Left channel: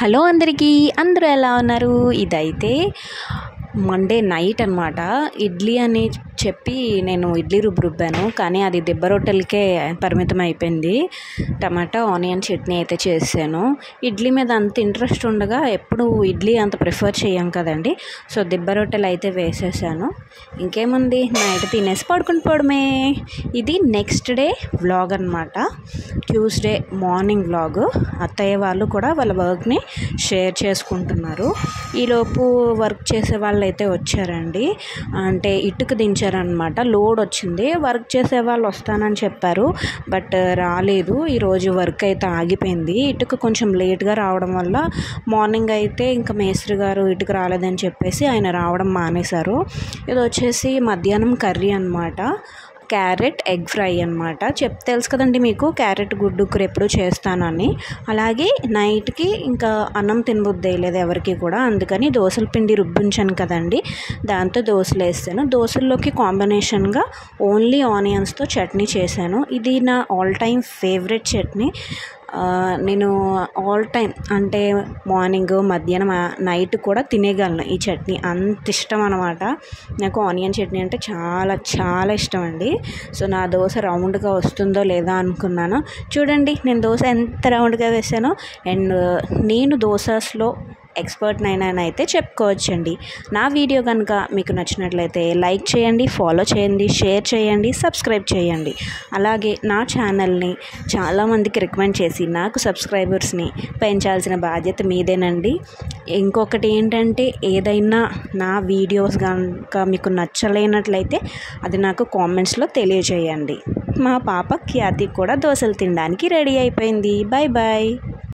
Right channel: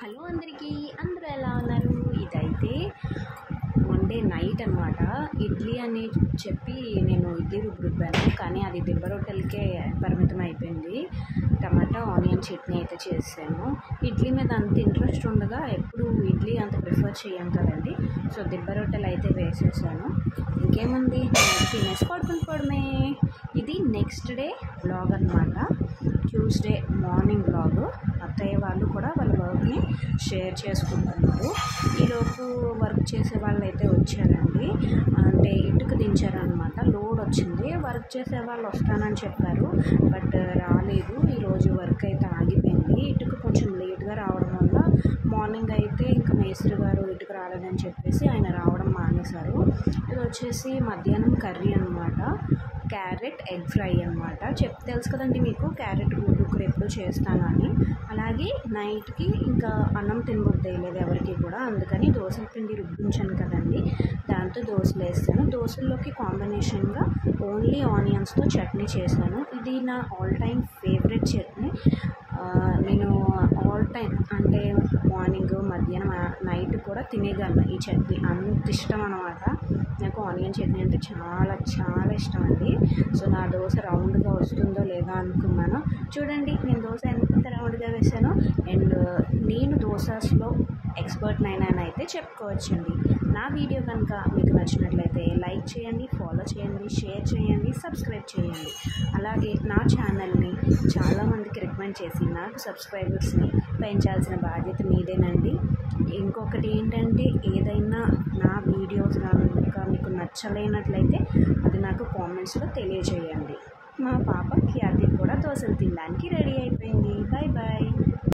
Hello అందరికీ, అందరూ ఎలా ఉన్నారు? ఇదైతే మండే నైట్ అనమాట. ఇడ్లీ అని చెప్పి నేను ఇడ్లీ రుబ్బాను, కానీ అది దిబ్బ రొట్టెలకే పరిమితం అయిపోయింది. టమాటా ఆనియన్ చట్నీ అయితే చేశాను. ఇడ్లీ మీద అంత ఇంట్రెస్ట్ ఉండగా ఎప్పుడు ఇడ్లీ అంత ప్రిఫర్ చేయం కదండి. సో దిబ్బ రొట్టెలు అయితే వేసేసాను. ఇంకేముంది, నైట్ తినేసి పడుకుని పోవడమే. ఇది నెక్స్ట్ డే వ్లాగ్ అనమాట. Tuesday morning vlog. అత్తయ్య వాళ్ళు కూడా వాళ్ళ వర్క్ని షేర్ చేసుకుంటున్నారు. ఈలోపు వర్క్ చేసే వాళ్ళు అయితే వచ్చారండి. అంటే ఇటుక దించారనమాట. లోడ్ వచ్చింది. వర్క్ చేసే వాళ్ళు వస్తానని చెప్పారు, బట్ రాలేదు. ఈరోజు వర్క్ అయితే ఆగిపోయింది. ఇటుక కొంచెం లేట్గా రావడం వల్ల మార్నింగ్ అయితే ఇంకా మేస్త్రి గారు ఇటుక రాలేదని చెప్పేసి ఆయన రావడం మానేశారు. ఇది వచ్చేసి మధ్యాహ్నం కర్రీ అనమాట. క్యారెట్ ఎగ్ ఫ్రై అనమాట. తెలుసు కదండి మీకు, క్యారెట్ గుడ్డు కూర ఎప్పుడు చేస్తానని. అలాగే నైట్కి ఇంకా అన్నం తినబుద్దేయలేదు ఎవరికి కూడా, అందుకని దోశల పిండి రుబ్బించాను కదండి, దాంతో దోశలు వేస్తాను. దోశల్లోకి కాంబినేషన్గా ఓన్లీ ఆనియన్స్తో చట్నీ చేశాను. ఇది నా ఆల్ టైమ్ ఫేవరెట్ చట్నీ. నేను ఆల్ టైమ్ అంటే మార్నింగ్, మధ్యాహ్నం, నైట్ కూడా తినేయగలను ఈ చట్నీ. అంత ఇష్టం అనమాట నాకు. ఆనియన్ చట్నీ అంటే చాలా చాలా ఇష్టం అండి. సో నా దోశ రౌండ్గా వస్తుందో లేదా అనుకున్నాను. చూడండి నేను దోశ ఎంత రౌండ్గా వేసానో. అండ్ నేను దోశలో ఎక్స్పర్ట్ అయితే చెప్పుకోవచ్చండి. నా వీడియో కనుక మీకు నచ్చినట్లయితే లైక్ చేయండి, ఫాలో చేయండి, షేర్ చేయండి, సబ్స్క్రైబ్ చేయండి. అలాగే నా ఛానల్ని చాలామందికి రికమెండ్ చేసి నాకు సబ్స్క్రైబర్స్ని పెంచాల్సిన బాధ్యత మీదేనండి. ఇంకొకటి ఏంటంటే, ఏదైనా నా వీడియోస్ కనుక మీకు నచ్చలేనట్లయితే అది నాకు కామెంట్స్లో తెలియజేయండి. మా పాప ఖ్యాతి కూడా దోశలు తినడానికి రెడీ అయిపోయింది. Bye bye.